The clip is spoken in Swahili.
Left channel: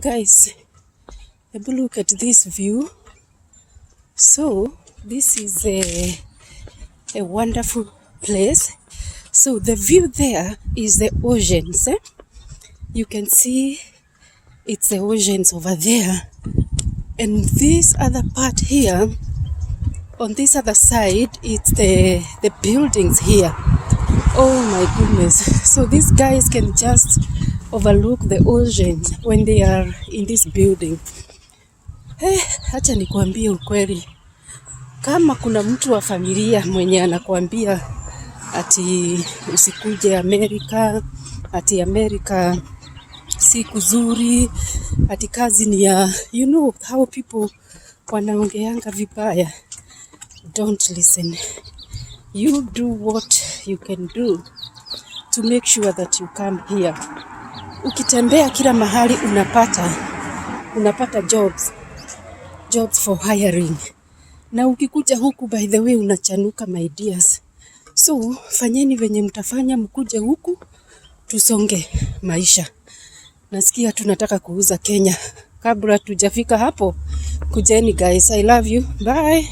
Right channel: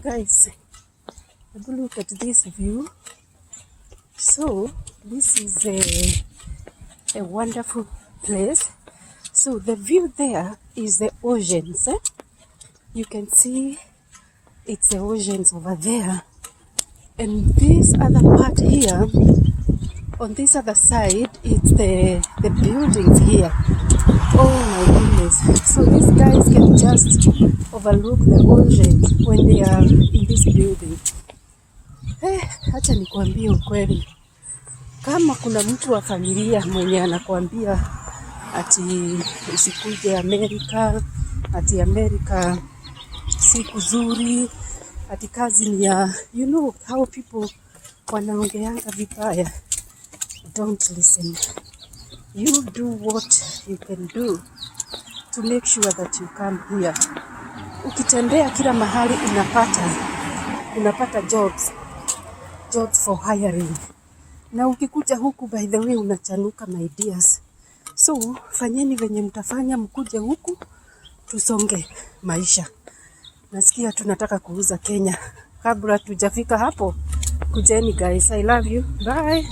Guys, look at this view. So this is a wonderful place. So the view there is the oceans. You can see it's the oceans over there. And this other part here, on this other side, it's the buildings here. Oh my goodness. So these guys can just overlook the ocean when they are in this building. Acha nikuambie ukweli. Kama kuna mtu wa familia mwenye anakuambia ati usikuje Amerika, ati Amerika si kuzuri, ati kazi ni ya, you know how people wanaongeanga vibaya. Don't listen. You do what you can do to make sure that you come here. Ukitembea kila mahali unapata jobs for hiring. Na ukikuja huku, by the way, unachanuka my dears. So fanyeni venye mtafanya, mkuje huku tusonge maisha. Nasikia tunataka kuuza Kenya. Kabla tujafika hapo, kujeni guys. I love you. Bye.